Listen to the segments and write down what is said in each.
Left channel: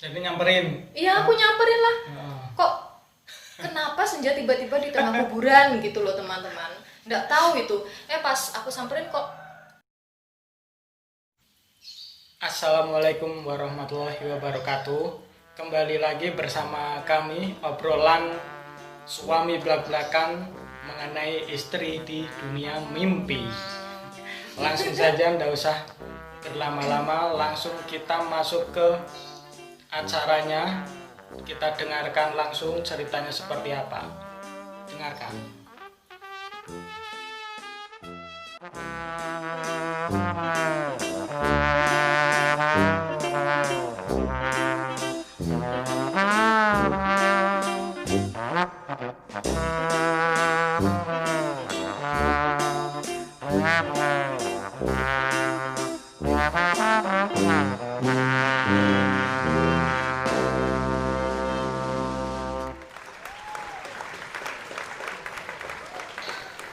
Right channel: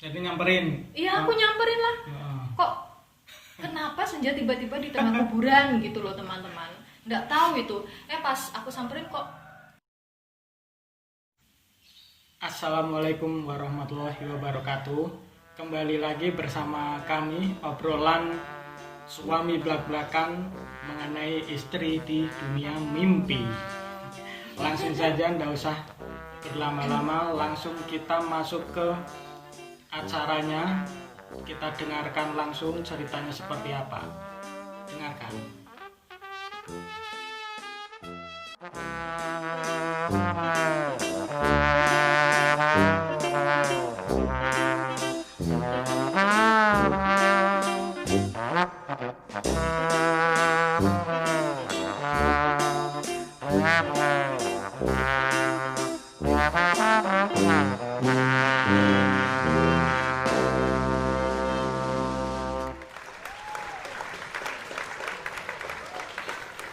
Jadi nyamperin. Iya, aku nyamperin lah. Heeh. Kok kenapa senja tiba-tiba di tengah kuburan gitu loh teman-teman. Nggak tahu itu. Pas aku samperin kok. Assalamualaikum warahmatullahi wabarakatuh. Kembali lagi bersama kami obrolan suami belak-belakan mengenai istri di dunia mimpi. Langsung saja, ndak usah berlama-lama, langsung kita masuk ke acaranya. Kita dengarkan langsung ceritanya seperti apa. Dengarkan.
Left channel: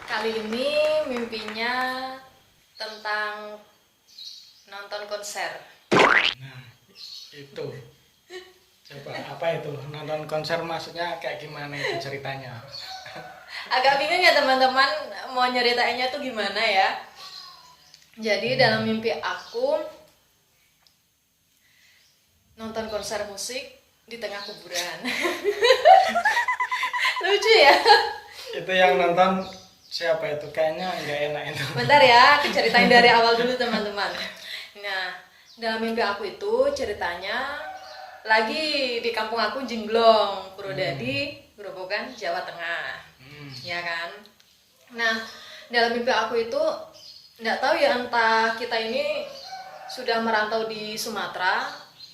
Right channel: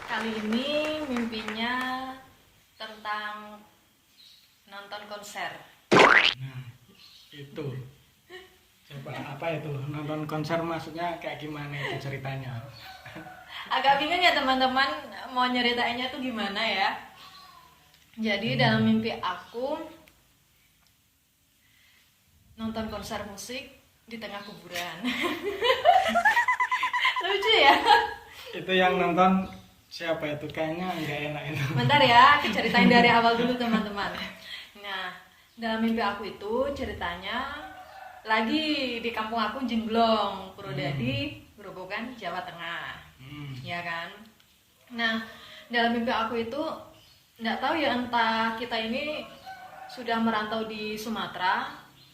Kali ini mimpinya tentang nonton konser. Nah, itu. Coba apa itu? Nonton konser maksudnya kayak gimana itu ceritanya? Agak bingung ya teman-teman mau nyeritainnya tuh gimana ya. Jadi dalam mimpi aku nonton konser musik di tengah kuburan. Lucu ya. Itu yang nonton siapa itu? Kayaknya nggak enak itu. Bentar ya, aku ceritain dari awal dulu teman-teman. Nah, dalam mimpi aku itu ceritanya lagi di kampung aku Jemblong, Purwodadi, Grobogan, Jawa Tengah. Ya kan? Nah, dalam mimpi aku itu nggak tahu ya entah kita ini sudah merantau di Sumatera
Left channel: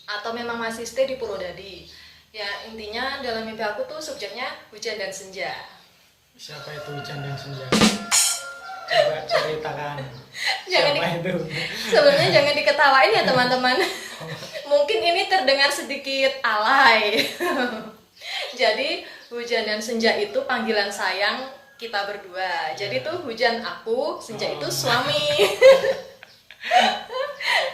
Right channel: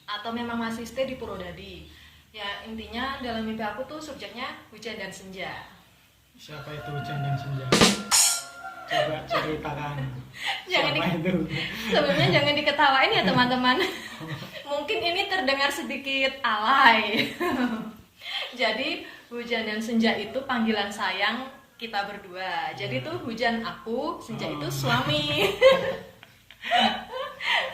atau memang masih stay di Purwodadi. Ya, intinya dalam mimpi aku tuh subjeknya hujan dan senja. Siapa itu hujan dan senja? Coba ceritakan. Jangan Siapa itu? Sebenarnya jangan diketawain ya teman-teman. Mungkin ini terdengar sedikit alay. Jadi hujan dan senja itu panggilan sayang kita berdua. Jadi tuh hujan aku, senja itu suami.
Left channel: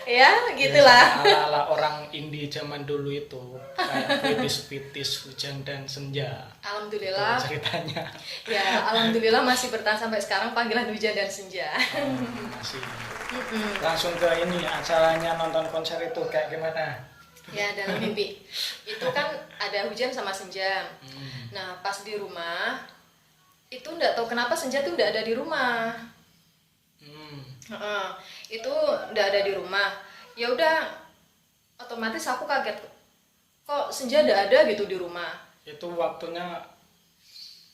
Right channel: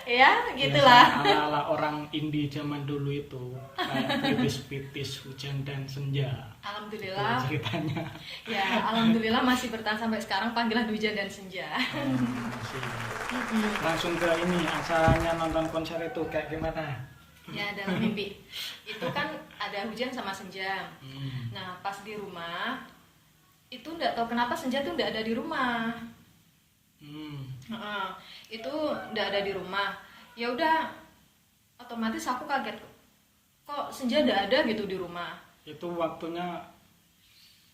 Ya, gitulah. Ala-ala orang indie zaman dulu itu kayak pitis-pitis hujan dan senja. Alhamdulillah. Itu ceritanya. Ya, alhamdulillah masih bertahan sampai sekarang panggilan hujan dan senja. Masih. Langsung ke ini acaranya nonton konser itu kayak gimana? Ya, dalam mimpi itu kan ada hujan sama senja. Nah, pas di rumah itu nggak tahu kenapa senja tuh nggak ada di rumah. Heeh, itu nggak ada di rumah. Ya udah, otomatis aku kaget, kok senja nggak ada gitu di rumah. Itu waktunya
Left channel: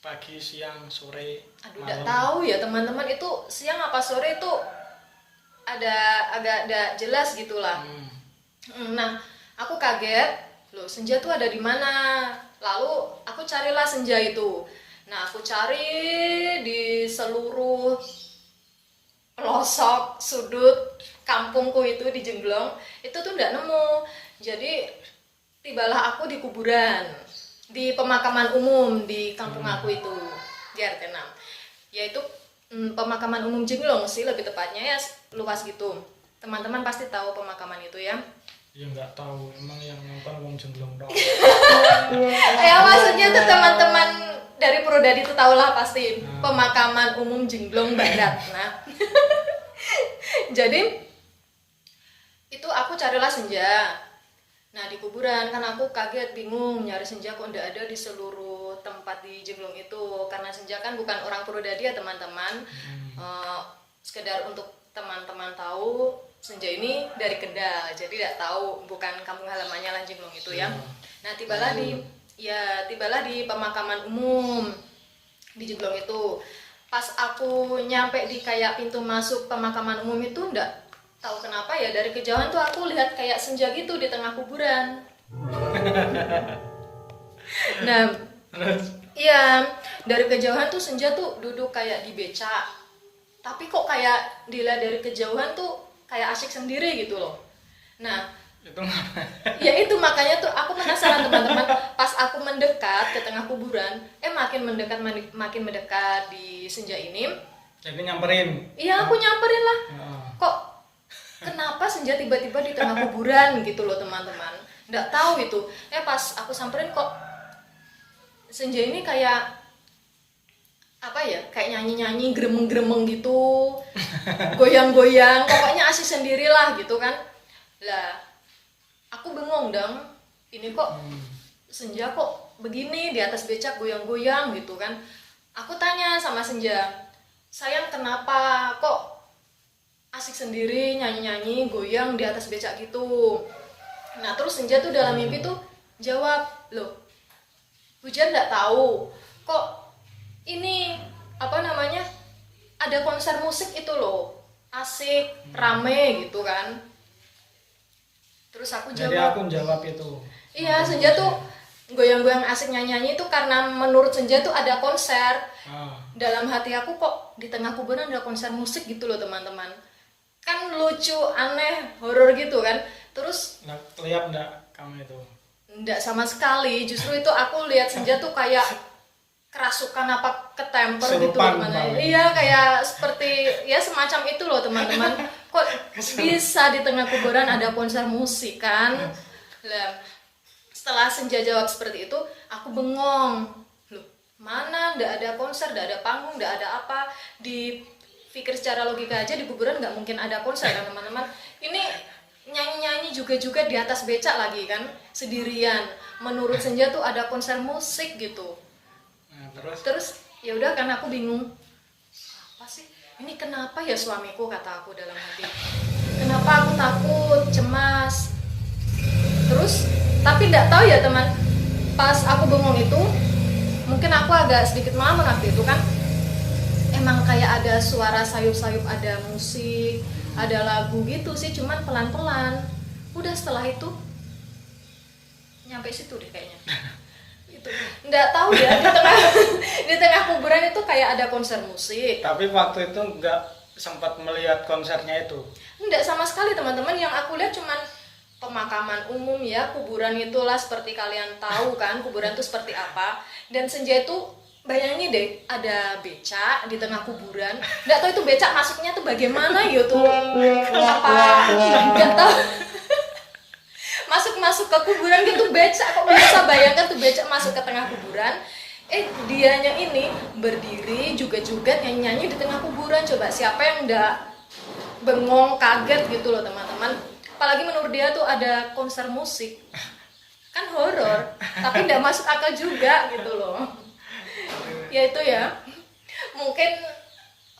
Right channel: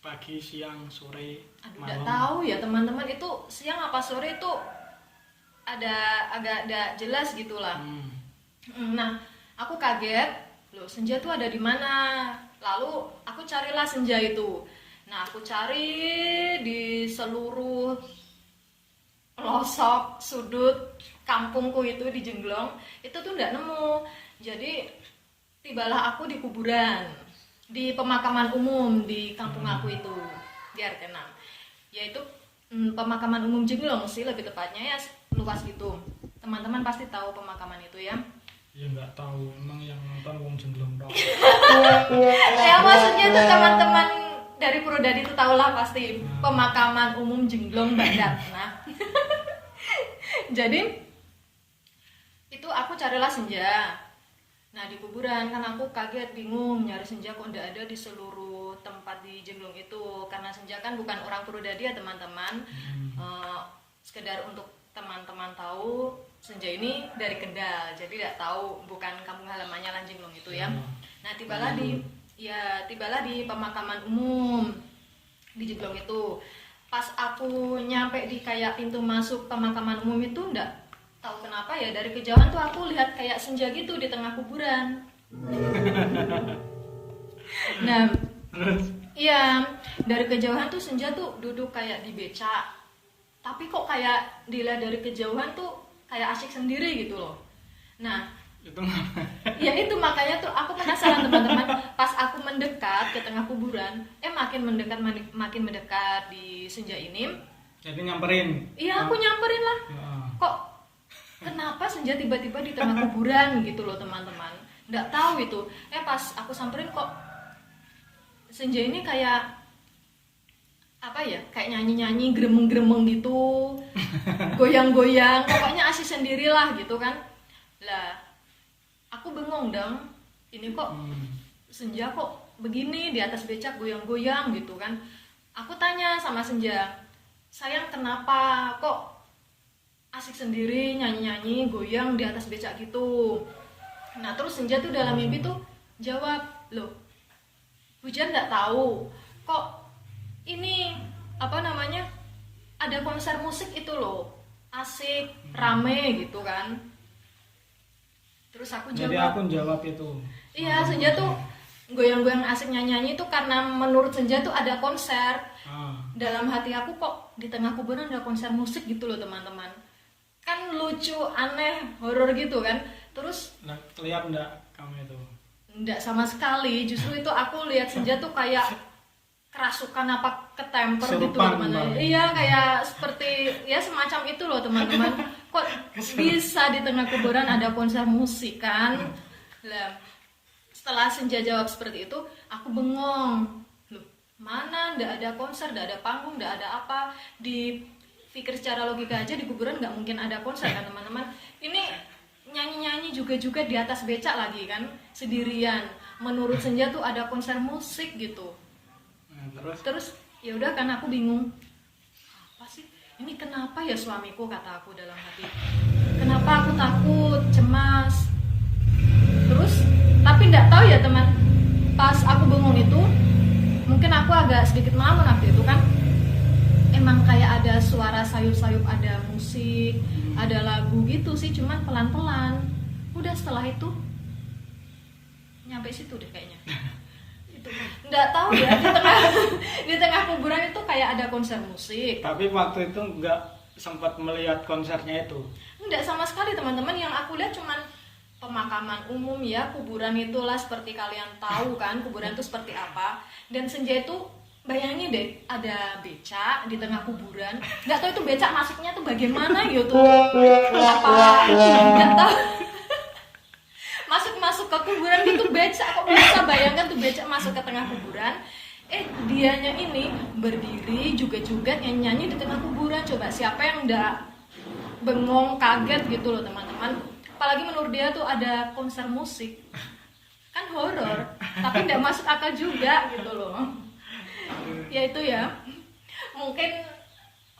pagi, siang, sore, Aduh, nggak malam. tahu ya teman-teman, itu siang apa sore itu ada agak nggak jelas gitulah. Nah, aku kaget, loh senja tuh ada di mana? Lalu aku carilah senja itu. Nah, aku cari di seluruh pelosok sudut kampungku itu di Jemblong, itu tuh nggak nemu. Jadi tibalah aku di kuburan, di pemakaman umum di kampung aku itu, di RT 6. Yaitu pemakaman umum Jemblong sih lebih tepatnya, ya luas gitu. Teman-teman pasti tahu pemakaman itu ya. Ya nggak tahu, emang yang nonton wong Jemblong dong. Ya maksudnya tuh teman-teman dari Purwodadi itu tahulah pasti pemakaman umum Jemblong Barat. Nah, jadi itu aku carilah senja. Nah, di kuburan kan aku kaget, bingung nyari senja kok nggak ada di seluruh tempat di Jemblong itu, karena senja kan bukan orang Purwodadi ya teman-teman. Sekedar untuk teman-teman tahu, senja ini dari Kendal, jadi tidak tahu bukan kampung halamannya lah Jemblong itu ya. Nah, tibalah di pemakaman umum di Jemblong itu. Pas aku nyampe di kayak pintu masuk pemakaman umum itu, ndak tahu kenapa ya dari kejauhan tuh aku lihat kayak senja gitu di tengah kuburan. Nah, iya, dari kejauhan tuh senja tuh duduk kayak di becak. Tapi kok kayak dilihat dari kejauhan tuh kayak asik sendiri gitu loh. Nah, Itu mana? ya itu makanya tuh aku penasaran teman-teman. Pas aku mendekat ke tengah kuburan, makin mendekat di senja ini. Jadi nyamperin. Iya, aku nyamperin lah. Heeh. Kok kenapa senja tiba-tiba di tengah kuburan gitu loh teman-teman. nggak tahu itu. Pas aku samperin kok Senja ini kayak apa ya, kayak nyanyi-nyanyi gremeng-gremeng gitu, goyang-goyang, pokoknya asik sendirilah gitu kan. Lah aku bengong dong, ini kok Senja kok begini di atas becak goyang-goyang gitu kan. Aku tanya sama Senja, sayang kenapa kok asik sendiri nyanyi-nyanyi goyang di atas becak gitu. Nah terus Senja tuh dalam mimpi tuh jawab, loh hujan nggak tahu kok ini apa namanya, ada konser musik itu loh, asik rame gitu kan. Terus aku jawab, jadi aku jawab itu. iya Senja tuh goyang-goyang asik nyanyi-nyanyi itu karena menurut Senja tuh ada konser. Dalam hati aku kok di tengah kuburan ada konser musik gitu loh teman-teman, kan lucu, aneh, horor gitu kan. Terus Lihat enggak kamu itu? enggak sama sekali, justru itu aku lihat Senja tuh kayak kerasukan apa ketemper gitu loh teman-teman. Iya kayak seperti ya semacam itu loh teman-teman. Kok bisa di tengah kuburan ada konser musik kan? Lah setelah Senja jawab seperti itu, aku bengong. Loh mana nggak ada konser, nggak ada panggung, nggak ada apa. Dipikir secara logika aja di kuburan nggak mungkin ada konser kan teman-teman. Ini nyanyi-nyanyi juga di atas becak lagi kan, sendirian. Menurut Senja tuh ada konser musik gitu. Nah, terus ya udah kan aku bingung, apa sih ini, kenapa ya suamiku, kata aku dalam hati, kenapa aku takut, cemas. Terus tapi nggak tahu ya teman, pas aku bengong itu mungkin aku agak sedikit malam waktu itu kan, emang kayak ada suara sayup-sayup, ada musik, ada lagu gitu sih, cuman pelan-pelan. Udah setelah itu nyampe situ deh kayaknya. Itu nggak tahu ya, di tengah kuburan itu kayak ada konser musik. Tapi waktu itu nggak sempat melihat konsernya itu? Nggak sama sekali teman-teman, yang aku lihat cuman pemakaman umum ya, kuburan itulah, seperti kalian tahu kan kuburan itu seperti apa. Dan Senja itu bayangin deh, ada becak di tengah kuburan. Nggak tahu itu becak masuknya tuh bagaimana gitu, apa nggak tahu. Masuk ke kuburan gitu becak, kok bisa, bayangkan tuh becak masuk ke tengah kuburan. Dianya ini berdiri juga nyanyi di tengah kuburan. Coba siapa yang nggak bengong, kaget gitu loh teman-teman. Apalagi menurut dia tuh ada konser musik, kan horor, tapi nggak masuk akal juga gitu loh. Ya itu ya, mungkin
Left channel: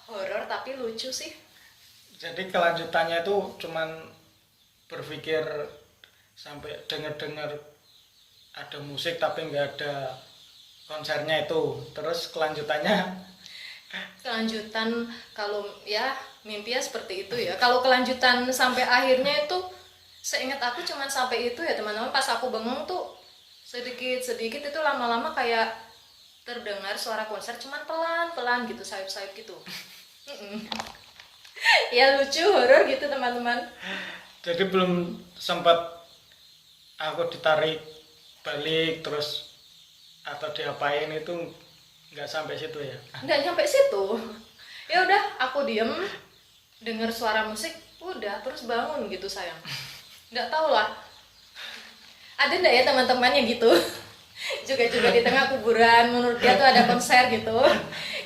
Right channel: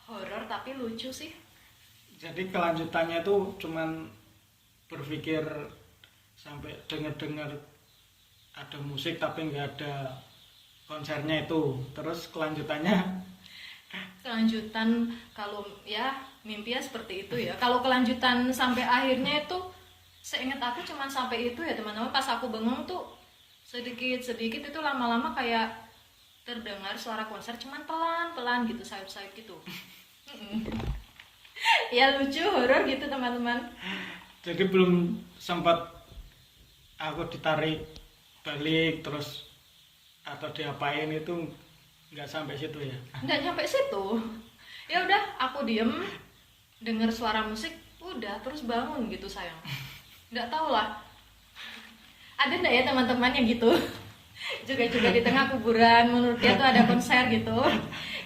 horor tapi lucu sih. Jadi kelanjutannya itu cuman berpikir sampai dengar ada musik tapi nggak ada konsernya itu. Terus kelanjutan kalau ya mimpinya seperti itu ya. Kalau kelanjutan sampai akhirnya itu seingat aku cuman sampai itu ya teman-teman. Pas aku bengong tuh sedikit itu lama-lama kayak terdengar suara konser, cuman pelan-pelan gitu, sayup-sayup gitu. Ya lucu, horor gitu teman-teman. Jadi belum sempat aku ditarik balik terus atau diapain, itu nggak sampai situ ya? Nggak sampai situ. Ya udah aku diem, dengar suara musik, udah terus bangun gitu sayang. Nggak tahu lah, ada nggak ya teman-teman yang gitu juga di tengah kuburan menurut dia tuh ada konser gitu.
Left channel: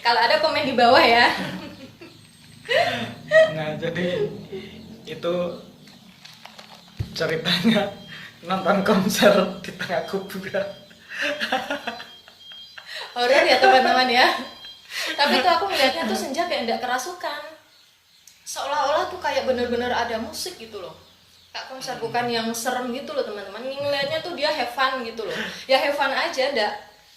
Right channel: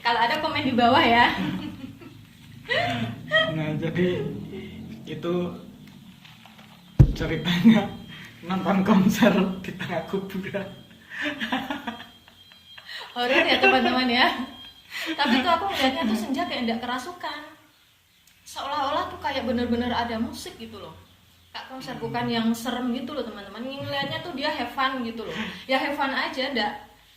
Kalau ada komen di bawah ya. Nah jadi itu ceritanya nonton konser di tengah kuburan. Horor ya teman-teman ya. Tapi tuh aku ngeliatnya tuh Senja kayak nggak kerasukan, seolah-olah tuh kayak bener-bener ada musik gitu loh. Kak konser bukan yang serem gitu loh teman-teman. Ngeliatnya tuh dia have fun gitu loh. Ya have fun aja,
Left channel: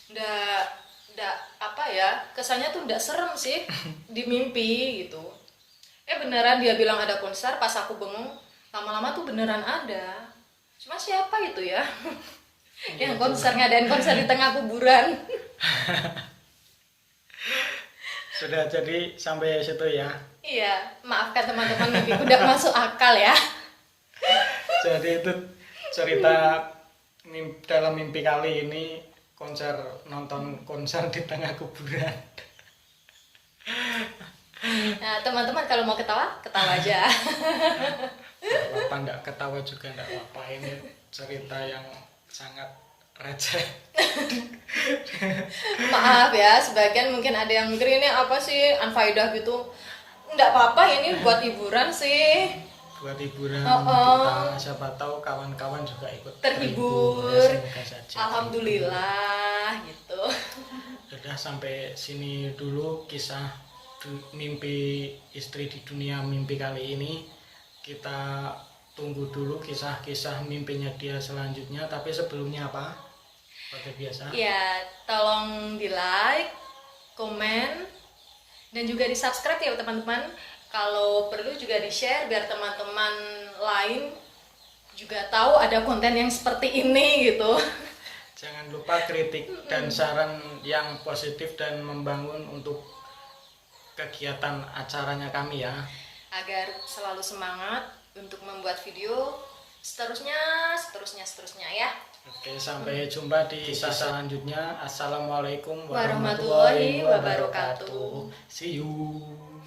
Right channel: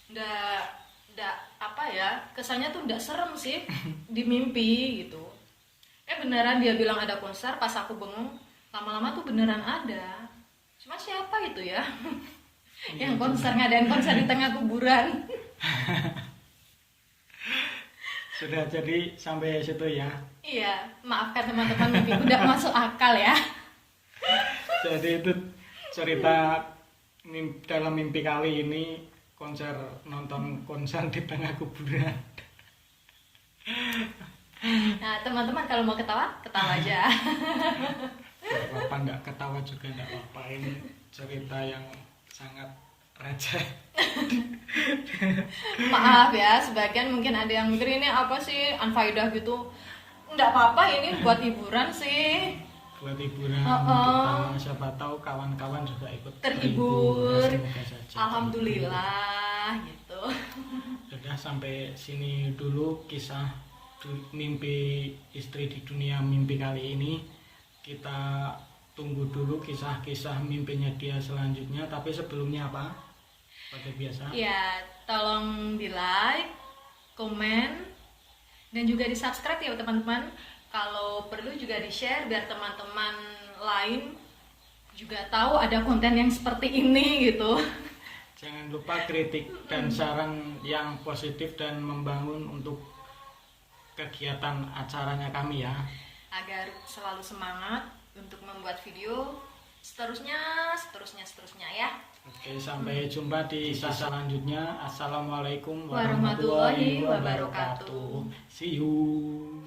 ndak apa ya, kesannya tuh ndak serem sih di mimpi gitu. Beneran dia bilang ada konser, pas aku bengong lama-lama tuh beneran ada. Cuma siapa itu ya yang konser, ngadain konser di tengah kuburan. Sudah, jadi sampai situ ya. Iya, maafkan teman-teman, mimpiku udah masuk akal ya. Jadi itu cerita dalam mimpi kali ini, nonton konser di tengah kuburan. Nah teman-teman kalau mau ketawa, ketawa aja. Gak apa-apa, nggak ketawa juga nggak apa-apa ini. cerita yang sangat receh. Maaf ya, sebagian mungkin ada yang mikir ini apa sih unfaedah gitu. Nggak apa-apa, ini buat hiburan sih. Buat hiburan Oh. kita, siapa tahu kawan-kawan juga ikut Terhibur. ya, semoga saja. Alhamdulillah gitu. Sudah sampai sini dulu kisah mimpi istri di dunia mimpi kali ini. Kita tunggu dulu kisah-kisah mimpinya dia selanjutnya, tapi sebelumnya apa? Seperti biasa. Ya, tolong di like, komen, dan juga di subscribe ya teman-teman. Kalau perlu juga di share biar teman-teman lain juga tahu ada konten yang seperti ini gitu. Jangan lupa kritik dan saran yang positif dan membangun untuk kegiatan acaranya kami ya. Agar selalu semangat untuk membuat video seterusnya ya. Oke, sampai jumpa di kisah selanjutnya. Assalamualaikum Warahmatullahi wabarakatuh. See you.